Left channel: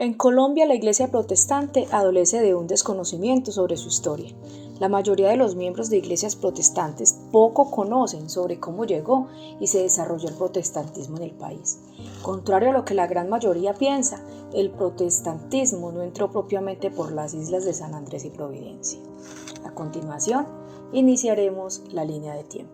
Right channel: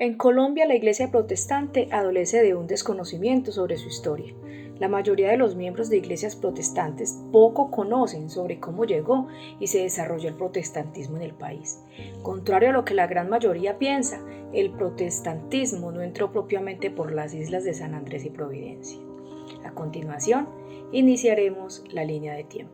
En Colombia, la Iglesia protestante adolece de un desconocimiento sobre su historia. La mayoría de los miembros de iglesias protestantes poco conocen sobre cómo llegó y se desarrolló el protestantismo en el país. Contrario a lo que la gran mayoría piensa, el protestantismo no entró propiamente por las islas de San Andrés y Providencia. A continuación, iniciaremos la línea de tiempo.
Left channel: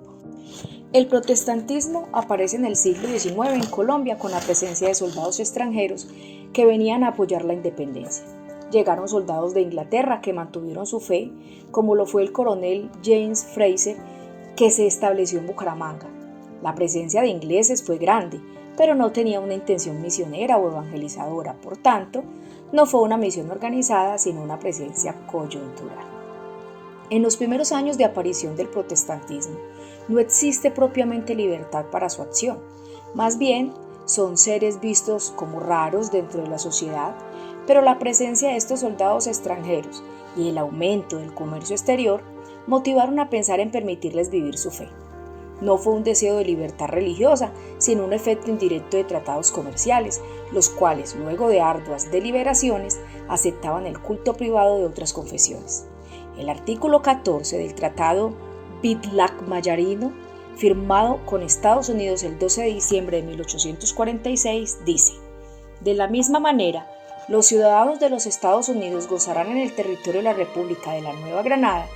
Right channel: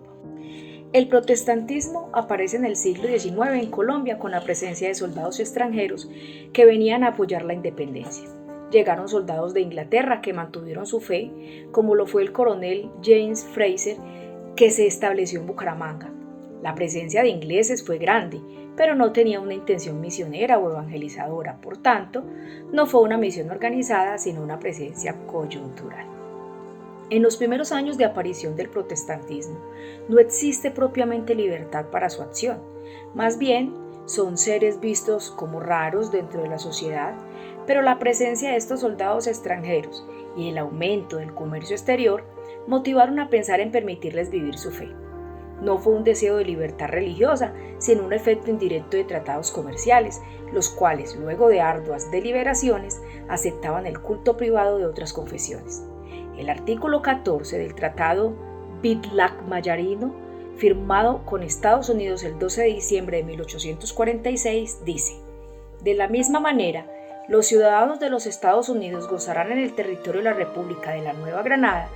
El protestantismo aparece en el siglo XIX en Colombia con la presencia de soldados extranjeros que venían a apoyar la independencia. Llegaron soldados de Inglaterra que mantuvieron su fe, como lo fue el coronel James Fraser, que se estableció en Bucaramanga. La presencia de ingleses fue grande, pero no tenía una intención misionera o evangelizadora, por tanto, no fue una misión organizada, sino una presencia coyuntural. En los primeros años de aparición del protestantismo, no existe propiamente libertad para su acción. Más bien, son seres vistos como raros dentro de la sociedad, pero la presencia de estos soldados extranjeros y el aumento del comercio exterior motivaron a pensar en permitirles vivir su fe. No fue un deseo de libertad religiosa, sino un efecto indirecto de tratados comerciales, los cuales, luego de arduas deliberaciones, aceptaban el culto privado de otras confesiones. El artículo 14 del Tratado Bitlac-Mayarino, firmado con Estados Unidos el 12 de diciembre de 1846, dice: de la misma manera, los ciudadanos de los Estados Unidos gozarán en el territorio de la República de la Nueva Granada,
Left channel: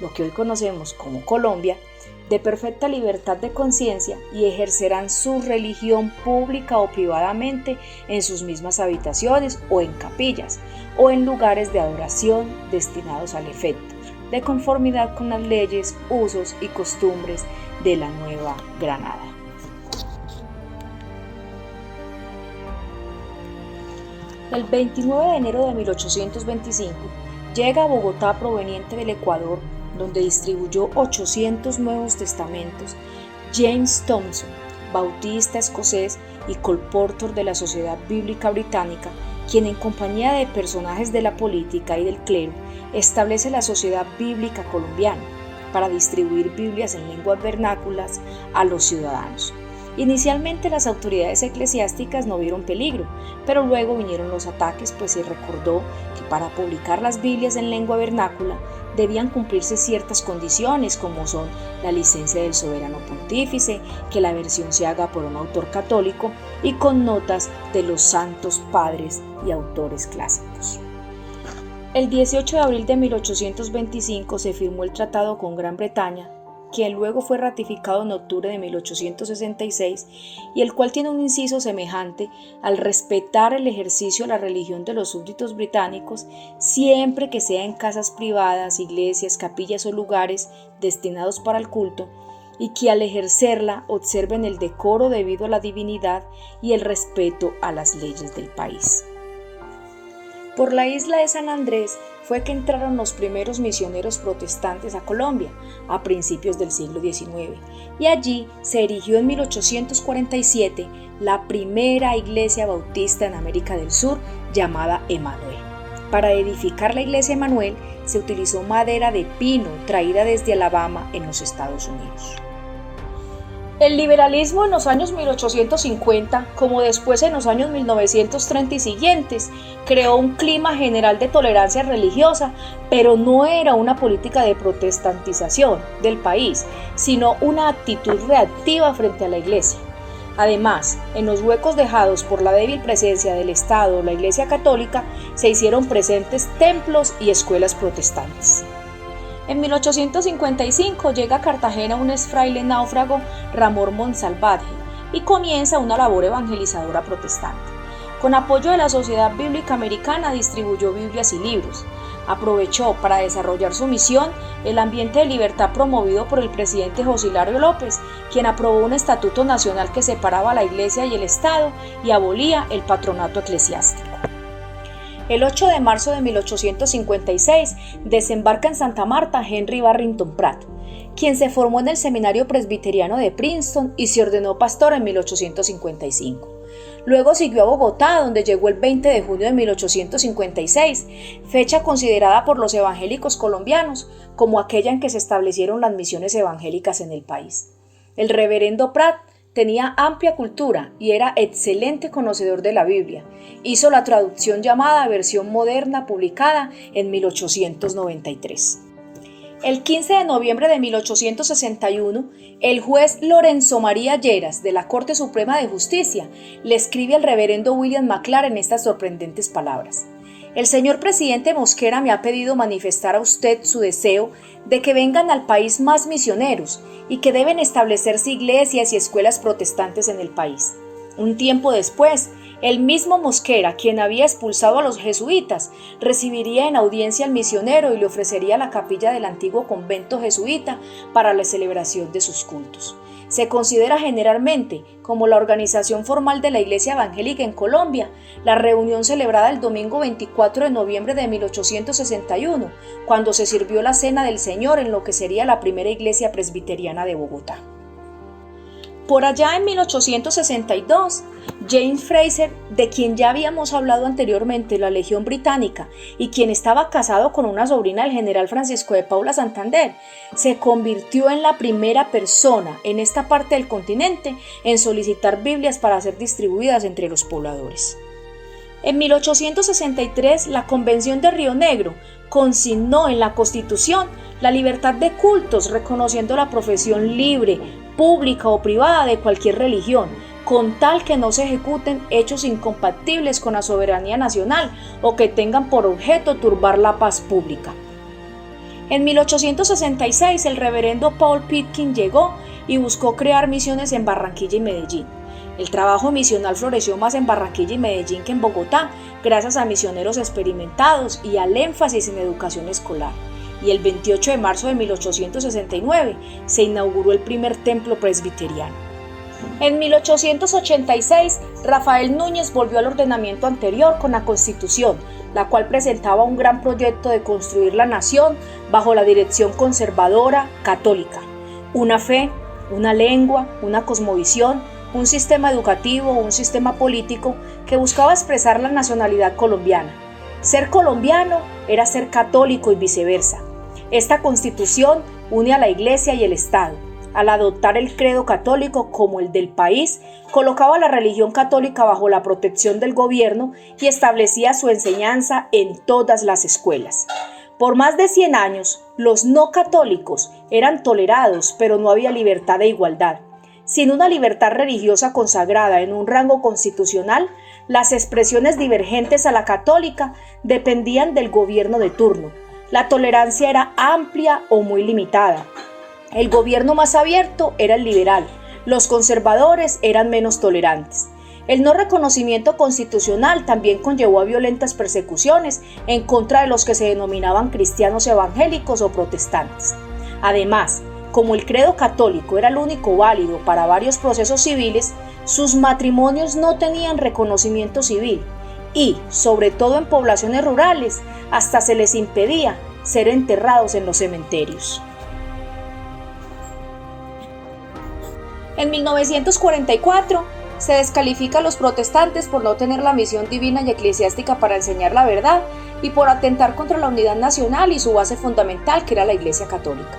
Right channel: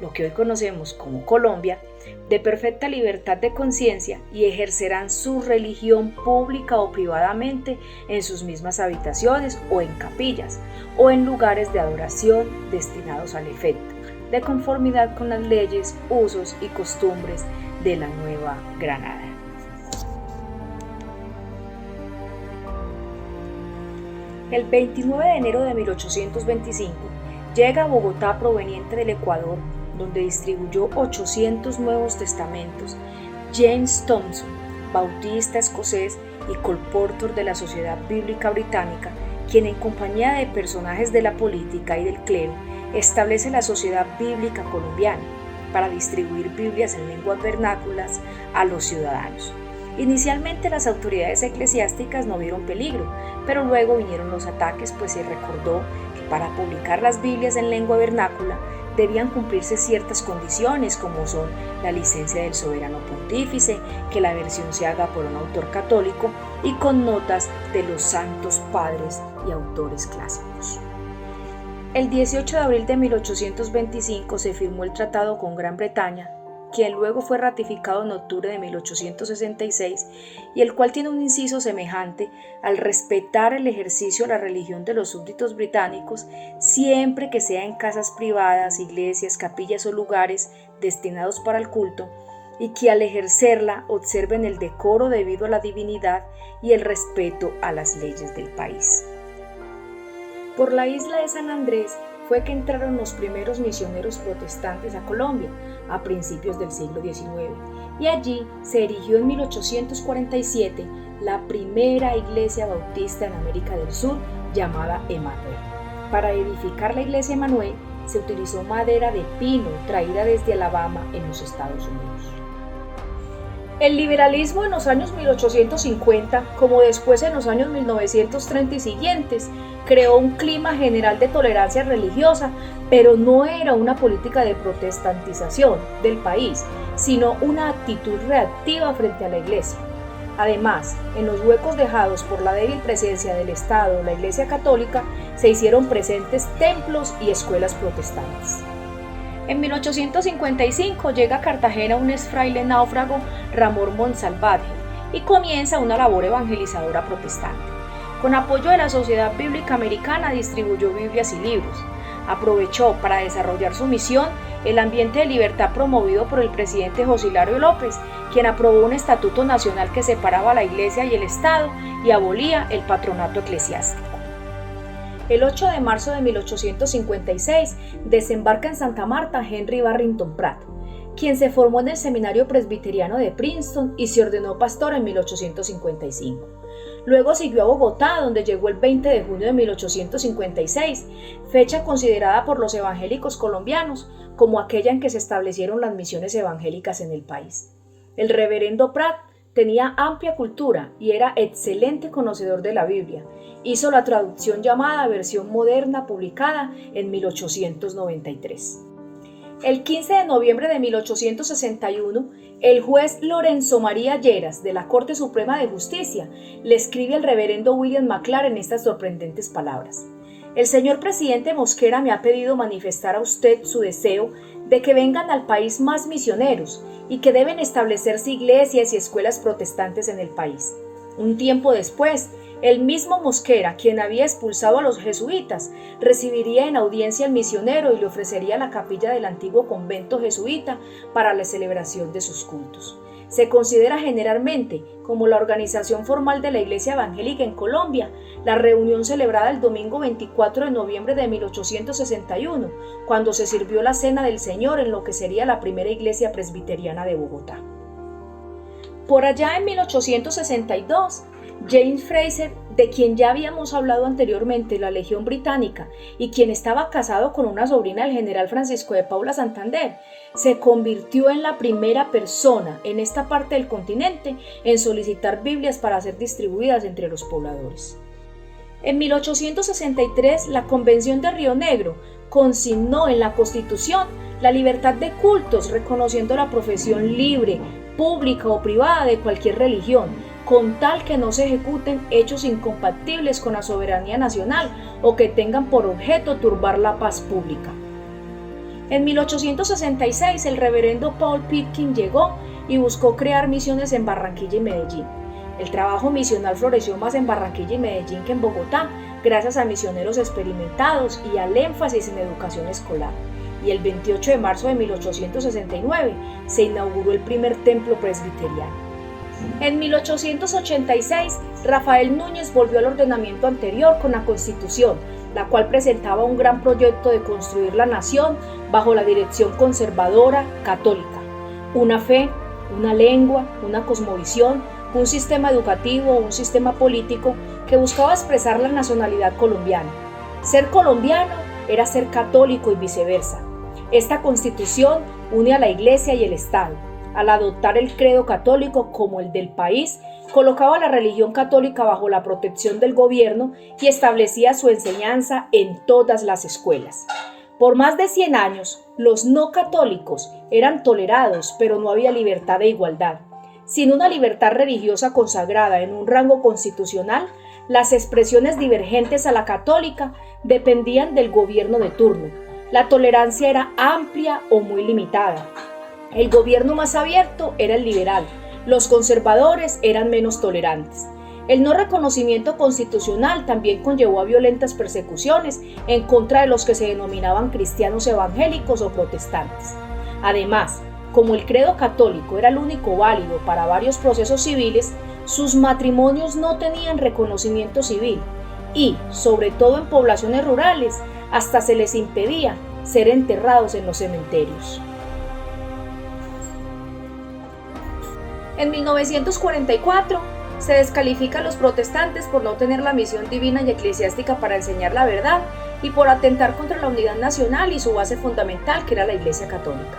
lo que hoy conocemos como Colombia, de perfecta libertad de conciencia y ejercerán su religión pública o privadamente en sus mismas habitaciones o en capillas o en lugares de adoración destinados al efecto, de conformidad con las leyes, usos y costumbres de la Nueva Granada. El 29 de enero de 1825 llega a Bogotá proveniente del Ecuador, donde distribuyó 800 Nuevos Testamentos, James Thompson, bautista escocés y colportor de la Sociedad Bíblica Británica, quien en compañía de personajes de la política y del clero establece la Sociedad Bíblica Colombiana para distribuir Biblias en lenguas vernáculas a los ciudadanos. Inicialmente las autoridades eclesiásticas no vieron peligro, pero luego vinieron los ataques, pues se recordó que para publicar las Biblias en lengua vernácula debían cumplirse ciertas condiciones, como son la licencia del soberano pontífice, que la versión se haga por un autor católico y con notas de los santos padres y autores clásicos. El 18 de abril de 1825 se firmó el tratado con Gran Bretaña, que luego fue ratificado en octubre de 1866 y el cual tiene un inciso semejante al respetar el ejercicio de la religión de los súbditos británicos siempre que sea en casas privadas, iglesias, capillas o lugares destinados para el culto, y que al ejercerla observen el decoro debido a la divinidad y el respeto a las leyes del país. Por la isla de San Andrés fue que entraron los primeros misioneros protestantes a Colombia a principios del siglo XIX, y allí se erigió en 1847 la primera iglesia bautista en América del Sur llamada Emanuel. Para edificar la iglesia Emanuel se utilizó madera de pino traída desde Alabama en los Estados Unidos. El liberalismo en los años 1850, como después en los años 1930 y siguientes, creó un clima general de tolerancia religiosa, pero no era una política de protestantización del país, sino una actitud reactiva frente a la Iglesia. Además, en los huecos dejados por la débil presencia del Estado o la Iglesia Católica, se hicieron presentes templos y escuelas protestantes. En 1855 llega a Cartagena un fraile náufrago, Ramón Monsalvatge, y comienza una labor evangelizadora protestante. Con apoyo de la Sociedad Bíblica Americana distribuyó Biblias y libros. Aprovechó para desarrollar su misión el ambiente de libertad promovido por el presidente José Hilario López, quien aprobó un estatuto nacional que separaba a la Iglesia y el Estado y abolía el patronato eclesiástico. El 8 de marzo de 1856 desembarca en Santa Marta Henry Barrington Pratt, quien se formó en el Seminario Presbiteriano de Princeton y se ordenó pastor en 1855. Luego siguió a Bogotá, donde llegó el 20 de junio de 1856, fecha considerada por los evangélicos colombianos como aquella en que se establecieron las misiones evangélicas en el país. El reverendo Pratt tenía amplia cultura y era excelente conocedor de la Biblia. Hizo la traducción llamada Versión Moderna, publicada en 1893. El 15 de noviembre de 1861, el juez Lorenzo María Lleras de la Corte Suprema de Justicia le escribe al reverendo William McLaren estas sorprendentes palabras: el señor presidente Mosquera me ha pedido manifestar a usted su deseo de que vengan al país más misioneros y que deben establecerse iglesias y escuelas protestantes en el país. Un tiempo después, el mismo Mosquera, quien había expulsado a los jesuitas, recibiría en audiencia al misionero y le ofrecería la capilla del antiguo convento jesuita para la celebración de sus cultos. Se considera generalmente como la organización formal de la Iglesia Evangélica en Colombia, la reunión celebrada el domingo 24 de noviembre de 1861, cuando se sirvió la Cena del Señor en lo que sería la primera iglesia presbiteriana de Bogotá. Por allá en 1862, James Fraser, de quien ya habíamos hablado anteriormente, la Legión Británica, y quien estaba casado con una sobrina del general Francisco de Paula Santander, se convirtió en la primera persona en esta parte del continente en solicitar Biblias para ser distribuidas entre los pobladores. En 1863, la Convención de Río Negro consignó en la Constitución la libertad de cultos, reconociendo la profesión libre, pública o privada de cualquier religión, con tal que no se ejecuten hechos incompatibles con la soberanía nacional o que tengan por objeto turbar la paz pública. En 1866, el reverendo Paul Pitkin llegó y buscó crear misiones en Barranquilla y Medellín. El trabajo misional floreció más en Barranquilla y Medellín que en Bogotá, gracias a misioneros experimentados y al énfasis en educación escolar. Y el 28 de marzo de 1869 se inauguró el primer templo presbiteriano. En 1886, Rafael Núñez volvió al ordenamiento anterior con la Constitución, la cual presentaba un gran proyecto de construir la nación bajo la dirección conservadora católica. Una fe, una lengua, una cosmovisión, un sistema educativo, un sistema político que buscaba expresar la nacionalidad colombiana. Ser colombiano era ser católico y viceversa. Esta Constitución une a la Iglesia y el Estado. Al adoptar el credo católico como el del país, colocaba la religión católica bajo la protección del gobierno y establecía su enseñanza en todas las escuelas. Por más de 100 años, los no católicos eran tolerados, pero no había libertad e igualdad. Sin una libertad religiosa consagrada en un rango constitucional, las expresiones divergentes a la católica dependían del gobierno de turno. La tolerancia era amplia o muy limitada. El gobierno más abierto era el liberal, los conservadores eran menos tolerantes. El no reconocimiento constitucional también conllevó a violentas persecuciones en contra de los que se denominaban cristianos evangélicos o protestantes. Además, como el credo católico era el único válido para varios procesos civiles, sus matrimonios no tenían reconocimiento civil y, sobre todo en poblaciones rurales, hasta se les impedía ser enterrados en los cementerios. En 1944 se descalifica a los protestantes por no tener la misión divina y eclesiástica para enseñar la verdad y por atentar contra la unidad nacional y su base fundamental, que era la Iglesia Católica.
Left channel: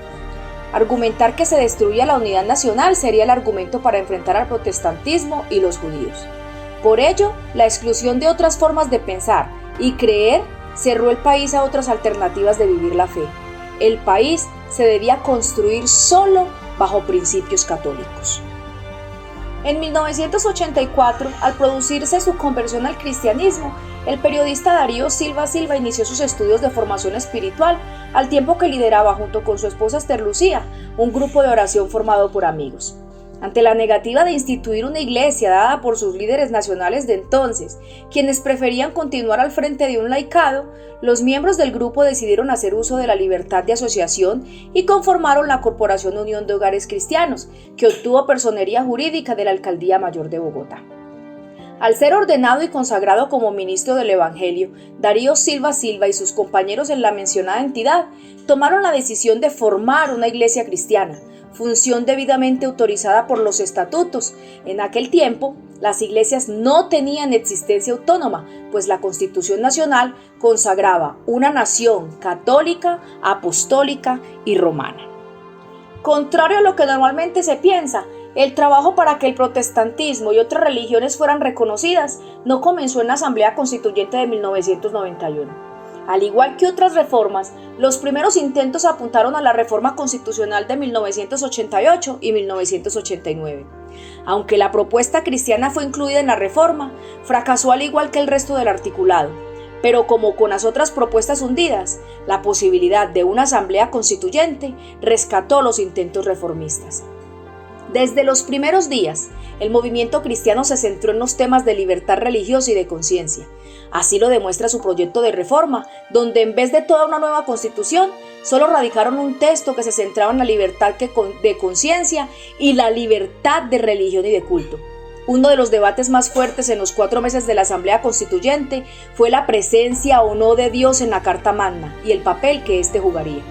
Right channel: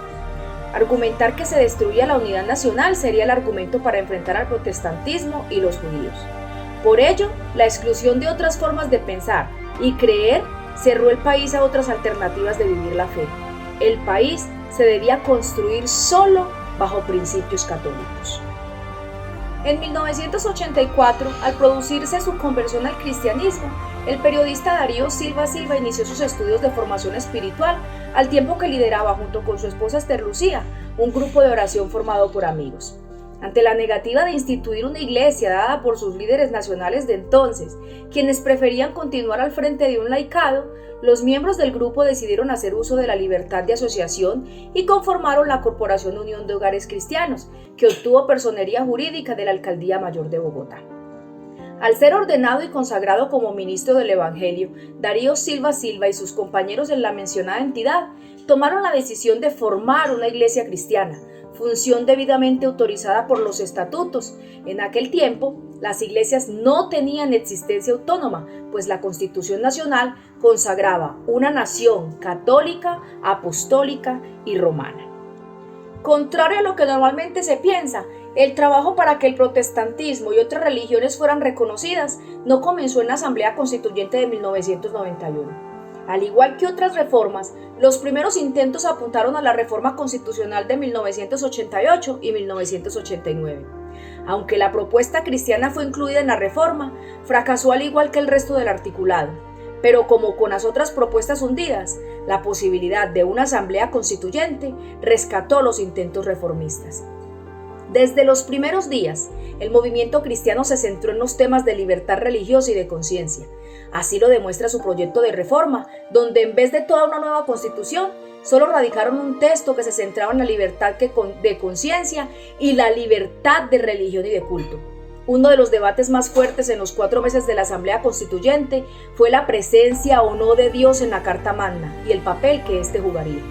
Argumentar que se destruía la unidad nacional sería el argumento para enfrentar al protestantismo y los judíos. Por ello, la exclusión de otras formas de pensar y creer cerró el país a otras alternativas de vivir la fe. El país se debía construir solo bajo principios católicos. En 1984, al producirse su conversión al cristianismo, el periodista Darío Silva Silva inició sus estudios de formación espiritual, al tiempo que lideraba junto con su esposa Esther Lucía un grupo de oración formado por amigos. Ante la negativa de instituir una iglesia dada por sus líderes nacionales de entonces, quienes preferían continuar al frente de un laicado, los miembros del grupo decidieron hacer uso de la libertad de asociación y conformaron la Corporación Unión de Hogares Cristianos, que obtuvo personería jurídica de la Alcaldía Mayor de Bogotá. Al ser ordenado y consagrado como ministro del Evangelio, Darío Silva Silva y sus compañeros en la mencionada entidad tomaron la decisión de formar una iglesia cristiana, función debidamente autorizada por los estatutos. En aquel tiempo, las iglesias no tenían existencia autónoma, pues la Constitución Nacional consagraba una nación católica, apostólica y romana. Contrario a lo que normalmente se piensa, El trabajo para que el protestantismo y otras religiones fueran reconocidas no comenzó en la Asamblea Constituyente de 1991. Al igual que otras reformas, los primeros intentos apuntaron a la reforma constitucional de 1988 y 1989. Aunque la propuesta cristiana fue incluida en la reforma, fracasó al igual que el resto del articulado. Pero como con las otras propuestas hundidas, la posibilidad de una asamblea constituyente rescató los intentos reformistas. Desde los primeros días, el movimiento cristiano se centró en los temas de libertad religiosa y de conciencia. Así lo demuestra su proyecto de reforma, donde en vez de toda una nueva constitución, solo radicaron un texto que se centraba en la libertad de conciencia y la libertad de religión y de culto. Uno de los debates más fuertes en los 4 meses de la Asamblea Constituyente fue la presencia o no de Dios en la Carta Magna y el papel que éste jugaría.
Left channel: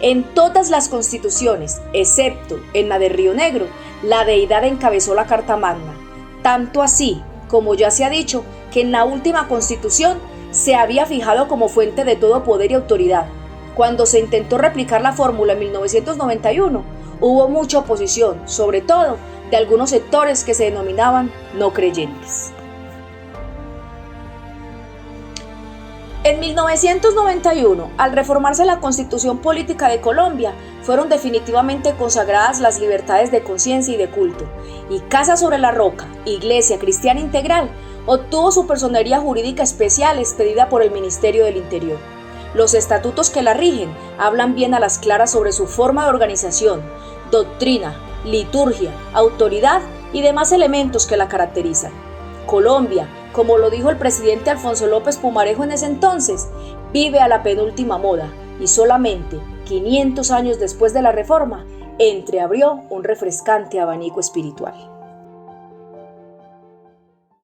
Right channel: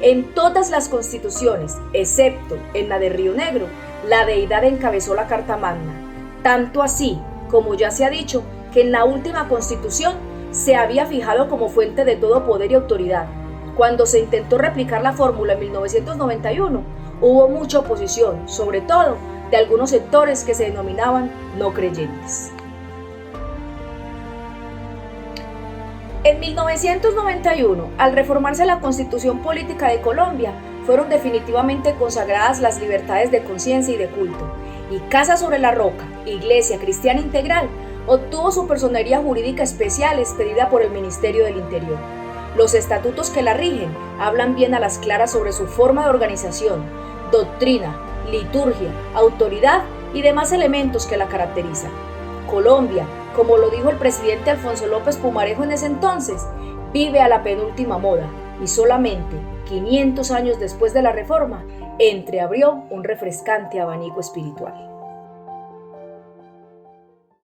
En todas las constituciones, excepto en la de Río Negro, la deidad encabezó la Carta Magna. Tanto así, como ya se ha dicho, que en la última constitución se había fijado como fuente de todo poder y autoridad. Cuando se intentó replicar la fórmula en 1991, hubo mucha oposición, sobre todo de algunos sectores que se denominaban no creyentes. En 1991, al reformarse la Constitución Política de Colombia, fueron definitivamente consagradas las libertades de conciencia y de culto, y Casa sobre la Roca, Iglesia Cristiana Integral, obtuvo su personería jurídica especial expedida por el Ministerio del Interior. Los estatutos que la rigen hablan bien a las claras sobre su forma de organización, doctrina, liturgia, autoridad y demás elementos que la caracterizan. Colombia, como lo dijo el presidente Alfonso López Pumarejo en ese entonces, vive a la penúltima moda y solamente 500 años después de la reforma, entreabrió un refrescante abanico espiritual.